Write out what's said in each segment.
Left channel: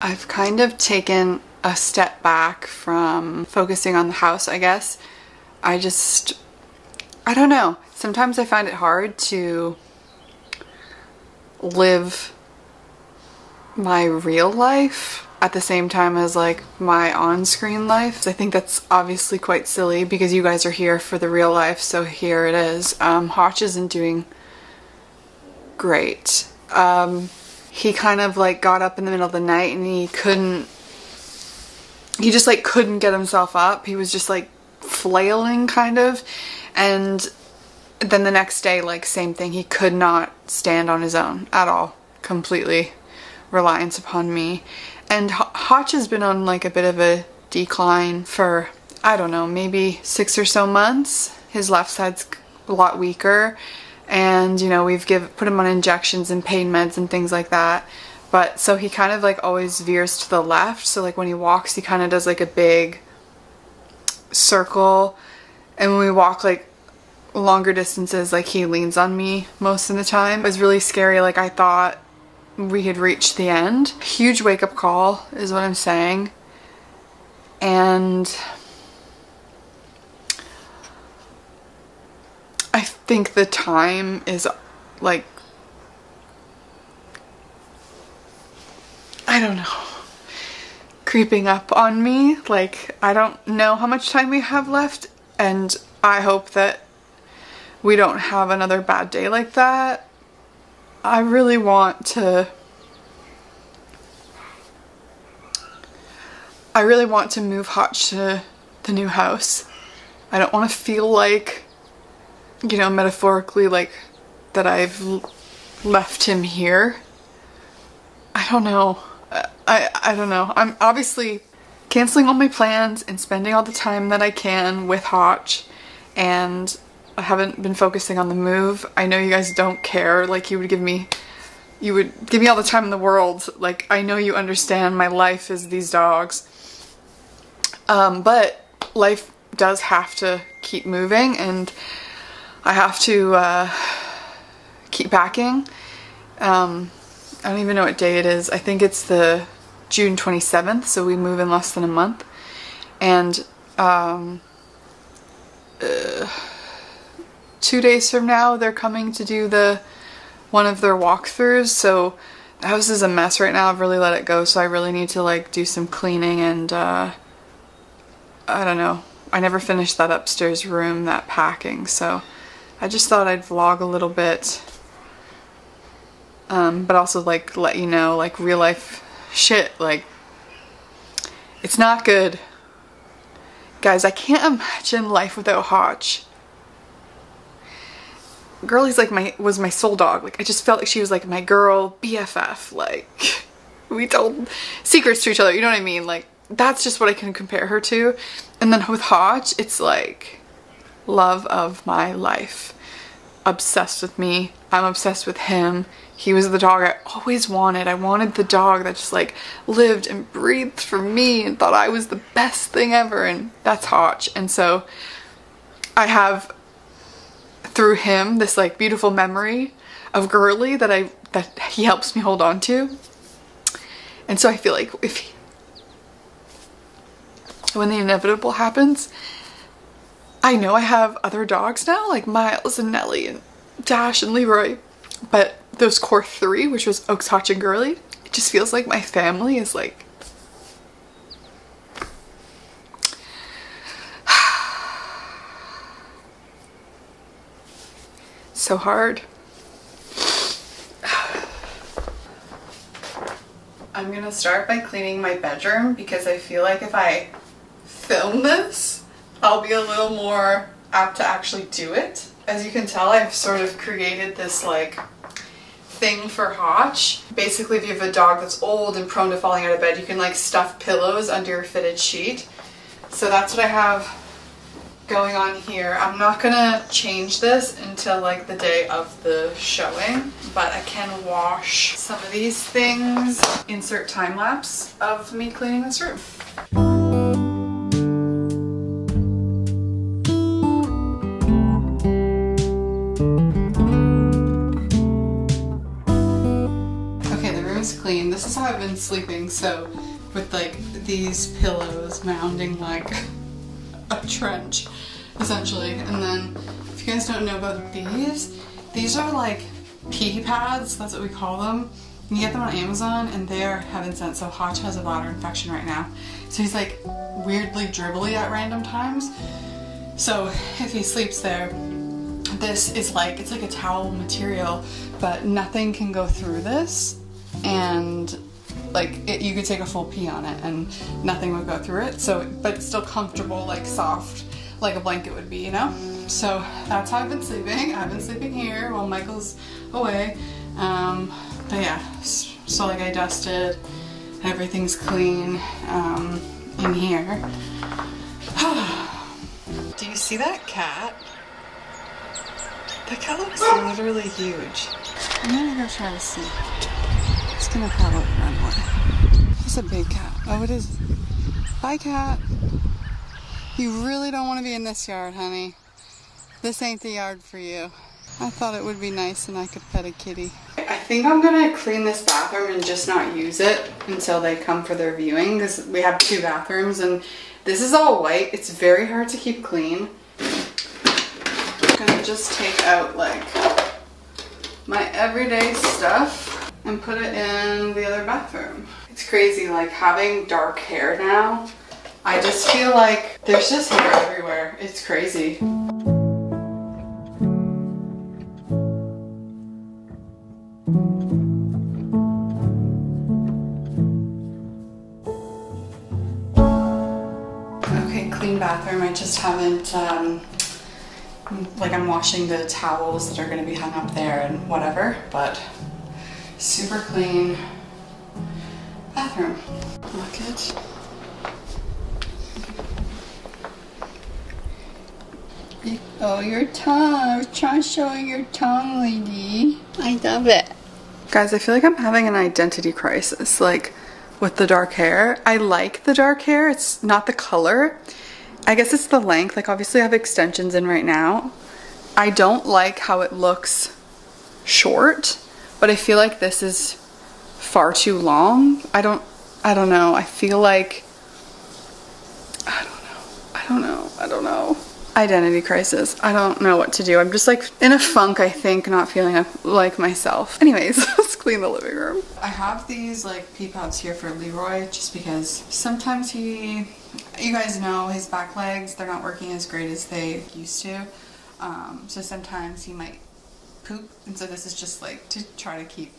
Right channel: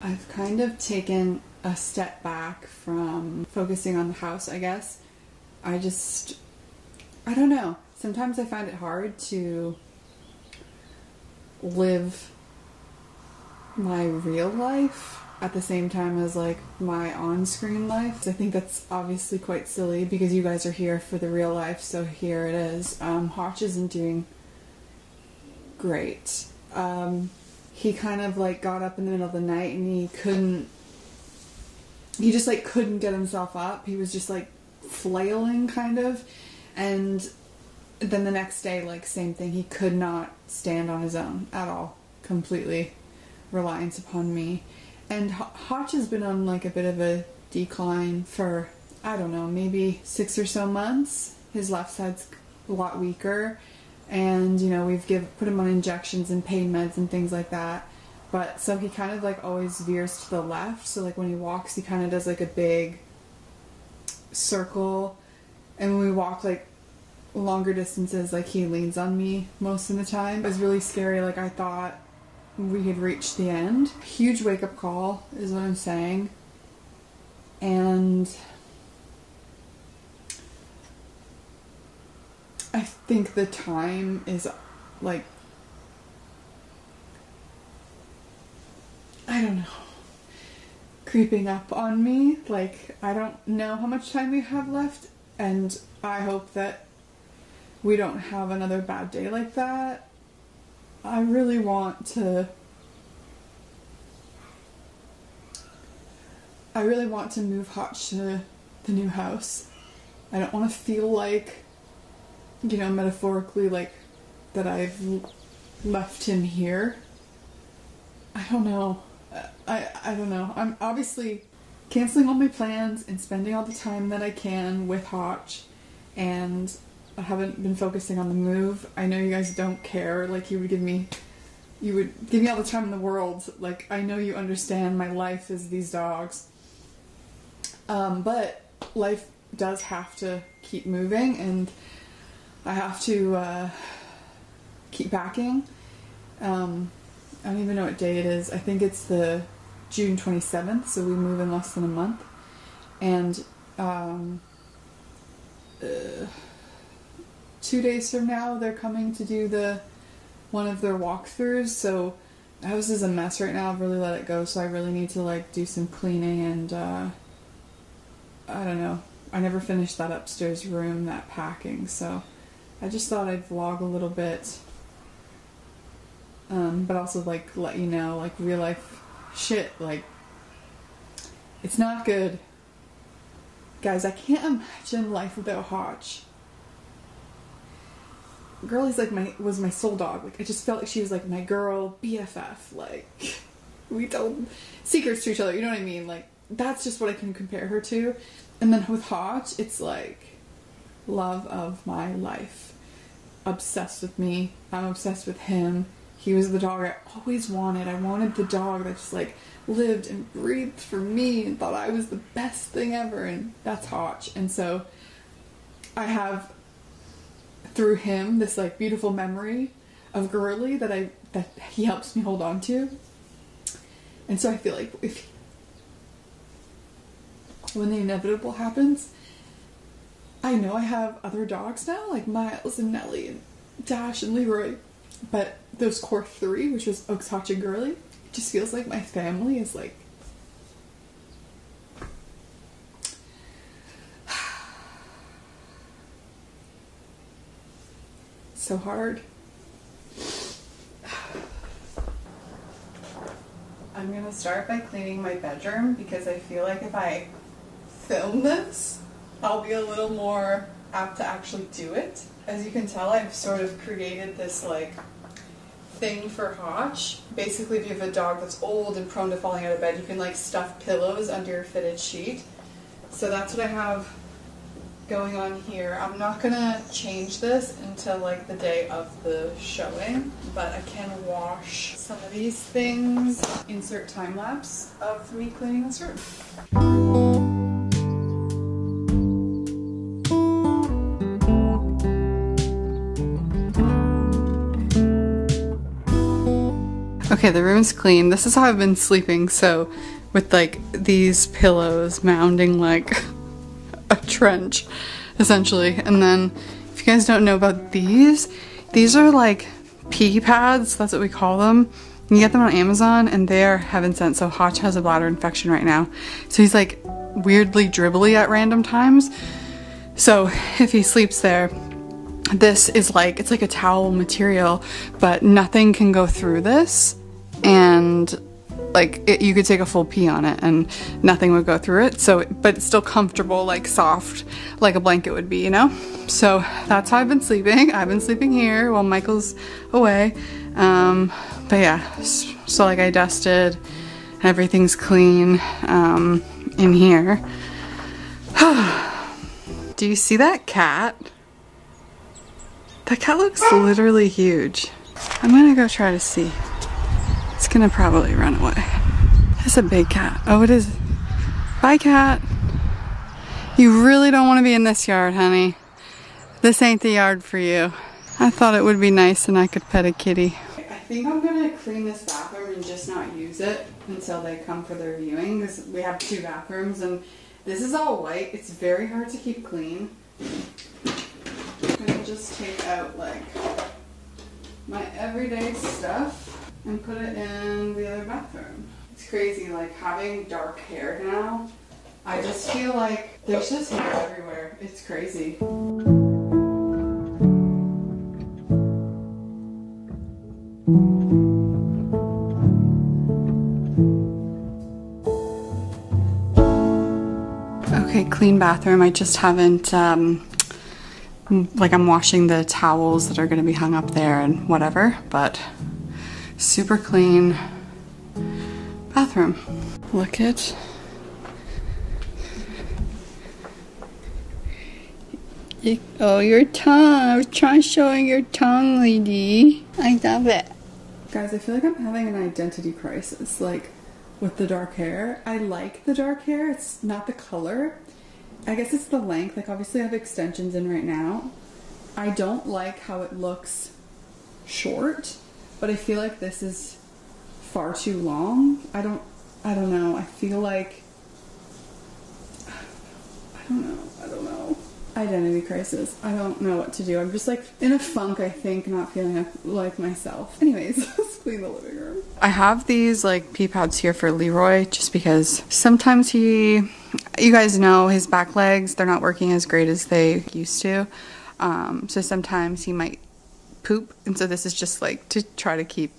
I've kind of taken a step back from focusing on the house, I guess. I don't know. Sometimes I find it hard to live my real life at the same time as like my on-screen life. I think that's obviously quite silly because you guys are here for the real life, so here it is. Hotch isn't doing great. He kind of like got up in the middle of the night and he just like couldn't get himself up. He was just like flailing kind of, and then the next day, like, same thing. He could not stand on his own at all, completely reliant upon me. And Hotch has been on like a bit of a decline for, I don't know, maybe 6 or so months. His left side's a lot weaker, and you know, we've put him on injections and pain meds and things like that. But so he kind of like always veers to the left, so like when he walks he kind of does like a big circle, and when we walk like longer distances, like he leans on me most of the time. It was really scary. Like I thought we had reached the end. Huge wake-up call is what I'm saying. And I think the time is like, I don't know, creeping up on me. Like I don't know how much time we have left, and I hope that we don't have another bad day like that. I really want to move Hotch to the new house. I don't want to feel like, you know, metaphorically, like that I've left him here. I don't know. I don't know. I'm obviously canceling all my plans and spending all the time that I can with Hotch, and I haven't been focusing on the move. I know you guys don't care. Like you would give me all the time in the world. Like I know you understand my life is these dogs. But life does have to keep moving, and I have to keep packing. I don't even know what day it is. I think it's the June 27th, so we move in less than a month. And 2 days from now they're coming to do one of their walkthroughs, so the house is a mess right now. I've really let it go, so I really need to like do some cleaning, and I don't know, I never finished that upstairs room, that packing, so I just thought I'd vlog a little bit, but also like let you know, like real life shit, like it's not good. Guys, I can't imagine life without Hotch. Girlie's like was my soul dog. Like I just felt like she was like my girl, BFF. Like we told secrets to each other, you know what I mean? Like that's just what I can compare her to. And then with Hotch, it's like love of my life. Obsessed with me. I'm obsessed with him. He was the dog I always wanted. I wanted the dog that just like lived and breathed for me and thought I was the best thing ever, and that's Hotch. And so I have, through him, this like beautiful memory of Girlie that he helps me hold on to. And so I feel like when the inevitable happens, I know I have other dogs now, like Miles and Nellie and Dash and Leroy, but those core 3, which was Oaks, Hotch, and Girlie, it just feels like my family is like so hard. I'm gonna start by cleaning my bedroom because I feel like if I film this, I'll be a little more apt to actually do it. As you can tell, I've sort of created this like thing for Hotch. Basically, if you have a dog that's old and prone to falling out of bed, you can like stuff pillows under your fitted sheet. So that's what I have going on here. I'm not gonna change this until like the day of the showing, but I can wash some of these things. Insert time lapse of me cleaning this room. Okay, the room's clean. This is how I've been sleeping, so with like these pillows mounding like a trench, essentially. And then, if you guys don't know about these are like pee pads, that's what we call them. You can get them on Amazon and they are heaven sent. So Hotch has a bladder infection right now. So he's like weirdly dribbly at random times. So if he sleeps there, this is like, it's like a towel material, but nothing can go through this. And like you could take a full pee on it and nothing would go through it. So, but it's still comfortable, like soft, like a blanket would be, you know? So that's how I've been sleeping. I've been sleeping here while Michael's away. But yeah, so like I dusted, everything's clean in here. Do you see that cat? That cat looks literally huge. I'm gonna go try to see. It's gonna probably run away. It's a big cat. Oh, it is. Bye, cat. You really don't want to be in this yard, honey. This ain't the yard for you. I thought it would be nice and I could pet a kitty. I think I'm gonna clean this bathroom and just not use it until they come for their viewing, because we have 2 bathrooms and this is all white. It's very hard to keep clean. I'm gonna just take out like my everyday stuff and put it in the other bathroom. It's crazy, like having dark hair now. I just feel like there's just hair everywhere. It's crazy. Okay, clean bathroom. I just haven't, like I'm washing the towels that are gonna be hung up there and whatever, but super clean bathroom. Look at oh, your tongue. I was trying showing your tongue, lady. I love it. Guys, I feel like I'm having an identity crisis, like with the dark hair. I like the dark hair. It's not the color. I guess it's the length. Like obviously I have extensions in right now. I don't like how it looks short, but I feel like this is far too long. I don't know. I feel like, I don't know. Identity crisis. I don't know what to do. I'm just like in a funk, I think, not feeling like myself. Anyways, let's clean the living room. I have these like pee pads here for Leroy just because sometimes you guys know his back legs, they're not working as great as they used to. So sometimes he might poop, and so this is just like to try to keep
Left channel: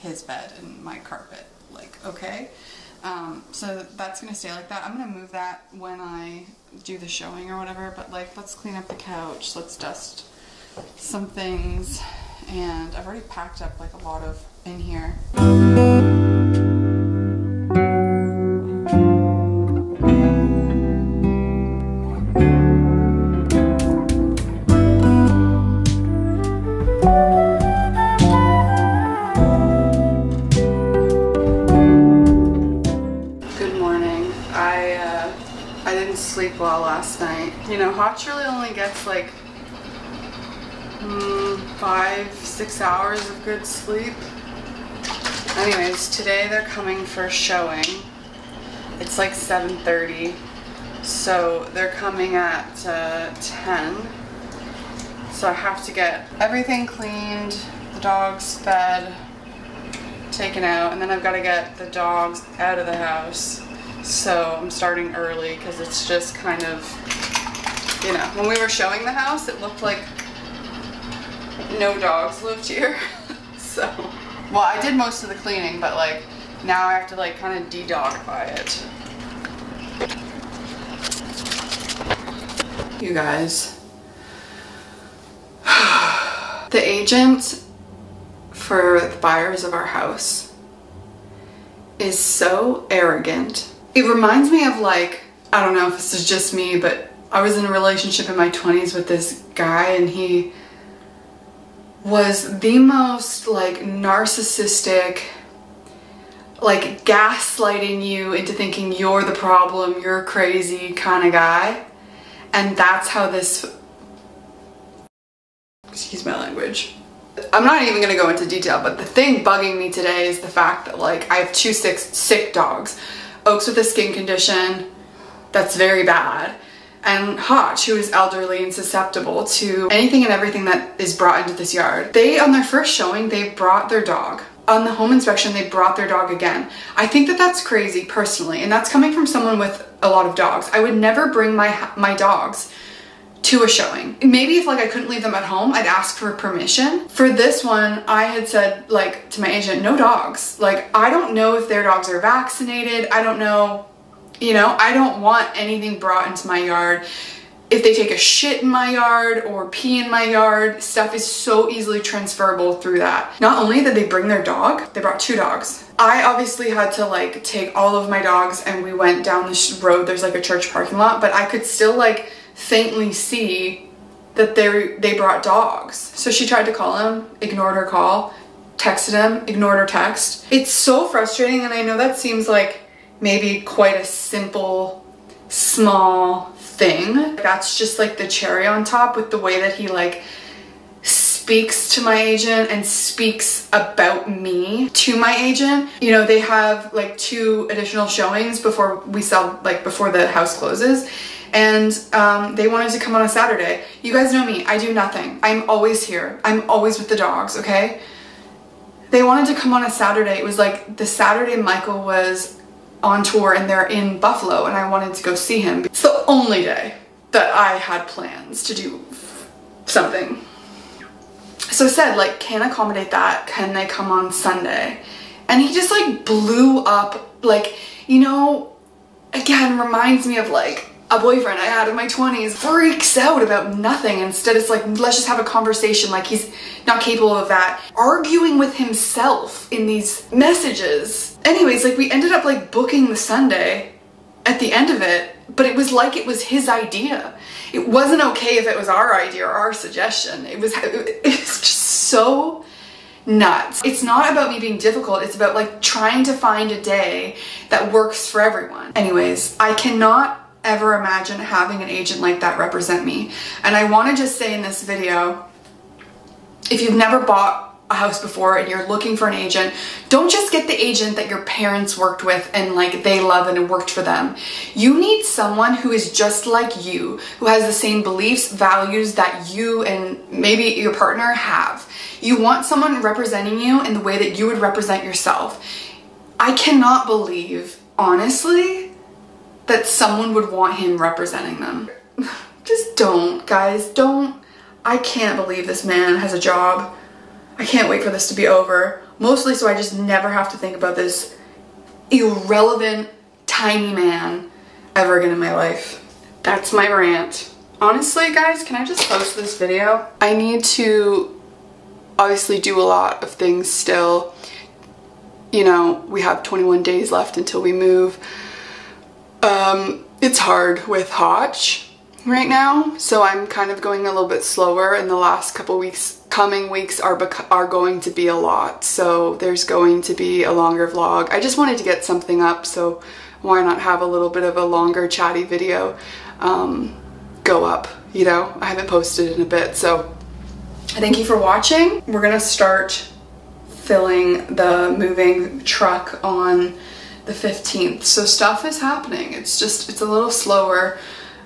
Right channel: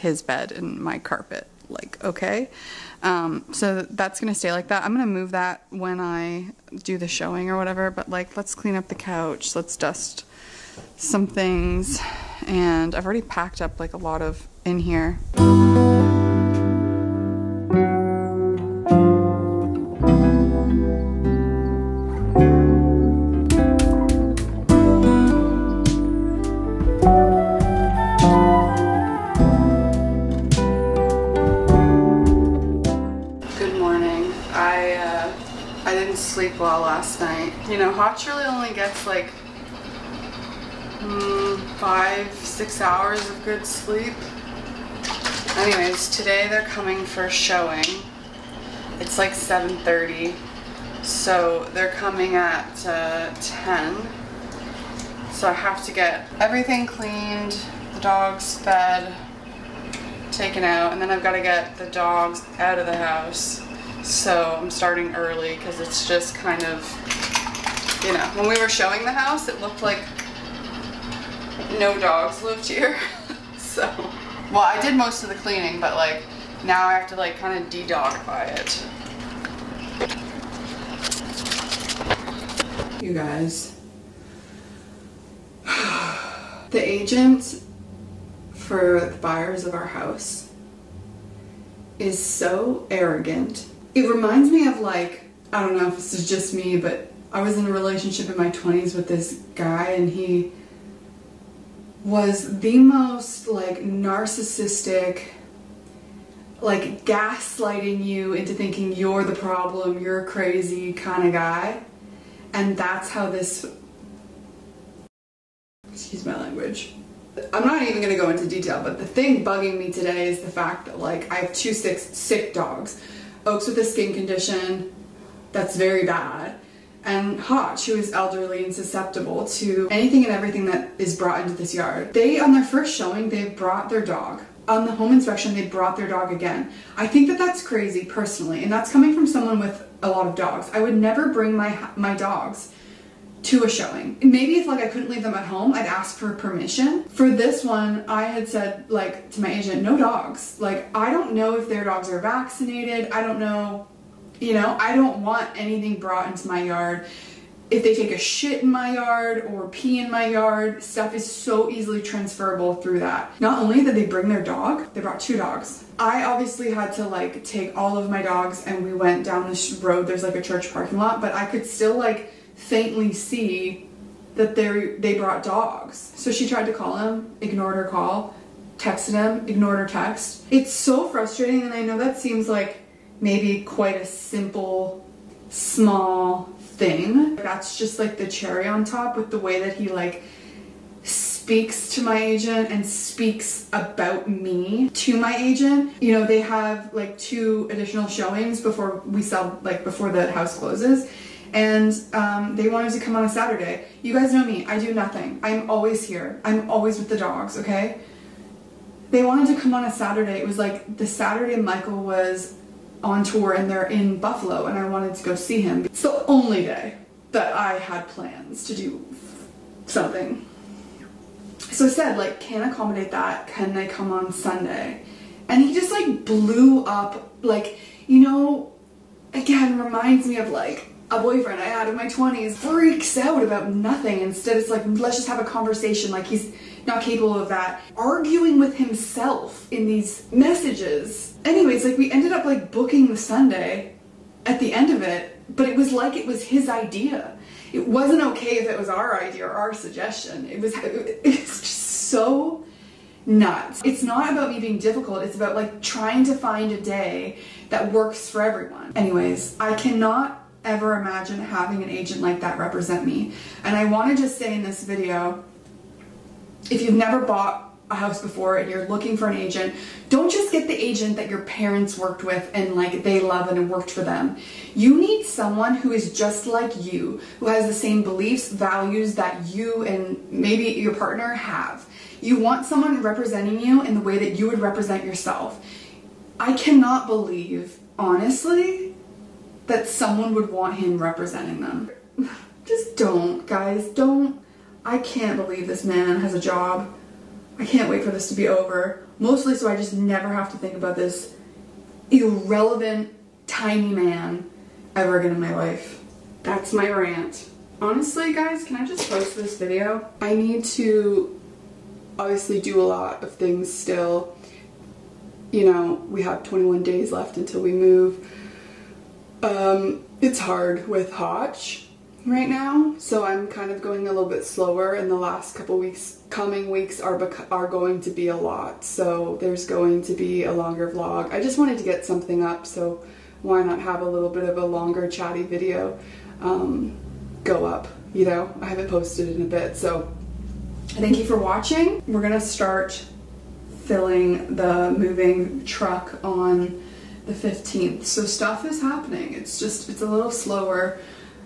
his bed and my carpet like okay. So that's gonna stay like that. I'm gonna move that when I do the showing or whatever, but like let's clean up the couch, let's dust some things, and I've already packed up like a lot of in here. I didn't sleep well last night. You know, Hotch really only gets like 5-6 hours of good sleep. Anyways, today they're coming for a showing. It's like 7:30, so they're coming at 10. So I have to get everything cleaned, the dogs fed, taken out, and then I've got to get the dogs out of the house. So I'm starting early because it's just kind of, you know, when we were showing the house, it looked like no dogs lived here. So, well, I did most of the cleaning, but like now I have to like kind of de-dogify it. You guys, the agent for the buyers of our house is so arrogant. It reminds me of like, I don't know if this is just me, but I was in a relationship in my 20s with this guy, and he was the most like narcissistic, like gaslighting you into thinking you're the problem, you're crazy kind of guy. And that's how this, excuse my language, I'm not even gonna go into detail, but the thing bugging me today is the fact that like I have two sick dogs. Oak's with a skin condition that's very bad, and Hotch, who is elderly and susceptible to anything and everything that is brought into this yard. They, on their first showing, they brought their dog. On the home inspection, they brought their dog again. I think that that's crazy personally, and that's coming from someone with a lot of dogs. I would never bring my dogs to a showing. Maybe if like I couldn't leave them at home, I'd ask for permission. For this one, I had said like to my agent, no dogs. Like, I don't know if their dogs are vaccinated. I don't know, you know, I don't want anything brought into my yard. If they take a shit in my yard or pee in my yard, stuff is so easily transferable through that. Not only did they bring their dog, they brought two dogs. I obviously had to like take all of my dogs and we went down this road. There's like a church parking lot, but I could still like faintly see that they brought dogs. So she tried to call him, ignored her call, texted him, ignored her text. It's so frustrating, and I know that seems like maybe quite a simple, small thing. That's just like the cherry on top with the way that he like speaks to my agent and speaks about me to my agent. You know, they have like 2 additional showings before we sell, like before the house closes, and they wanted to come on a Saturday. You guys know me, I do nothing. I'm always here. I'm always with the dogs, okay? They wanted to come on a Saturday. It was like the Saturday Michael was on tour and they're in Buffalo, and I wanted to go see him. It's the only day that I had plans to do something. So I said, like, can't accommodate that. Can they come on Sunday? And he just like blew up, like, you know, again, reminds me of like a boyfriend I had in my 20s, freaks out about nothing. Instead it's like, let's just have a conversation. Like, he's not capable of that. Arguing with himself in these messages. Anyways, like we ended up like booking the Sunday at the end of it, but it was like it was his idea. It wasn't okay if it was our idea or our suggestion. It's just so nuts. It's not about me being difficult. It's about like trying to find a day that works for everyone. Anyways, I cannot ever imagine having an agent like that represent me. And I want to just say in this video, if you've never bought a house before and you're looking for an agent, don't just get the agent that your parents worked with and like they love and it worked for them. You need someone who is just like you, who has the same beliefs, values that you and maybe your partner have. You want someone representing you in the way that you would represent yourself. I cannot believe, honestly, that someone would want him representing them. Just don't, guys, don't. I can't believe this man has a job. I can't wait for this to be over. Mostly so I just never have to think about this irrelevant, tiny man ever again in my life. That's my rant. Honestly, guys, can I just post this video? I need to obviously do a lot of things still. You know, we have 21 days left until we move. It's hard with Hotch right now, so I'm kind of going a little bit slower, and the last couple weeks, coming weeks are going to be a lot, so there's going to be a longer vlog. I just wanted to get something up, so why not have a little bit of a longer chatty video go up, you know? I haven't posted in a bit, so thank you for watching. We're gonna start filling the moving truck on the 15th, so stuff is happening. It's a little slower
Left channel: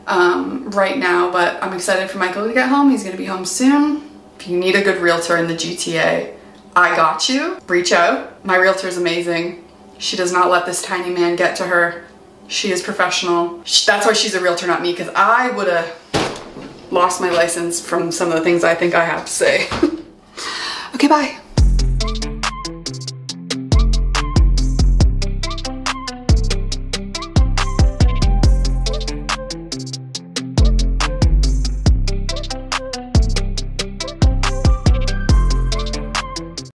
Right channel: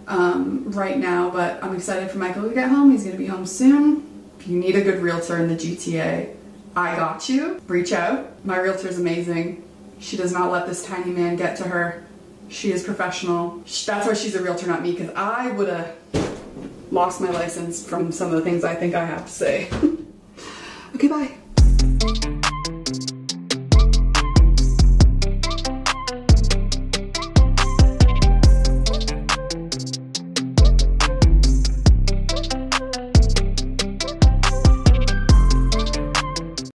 right now, but I'm excited for Michael to get home. He's gonna be home soon. If you need a good realtor in the GTA, I got you. Reach out. My realtor is amazing. She does not let this tiny man get to her. She is professional. That's why she's a realtor, not me, because I would have lost my license from some of the things I think I have to say. Okay, bye.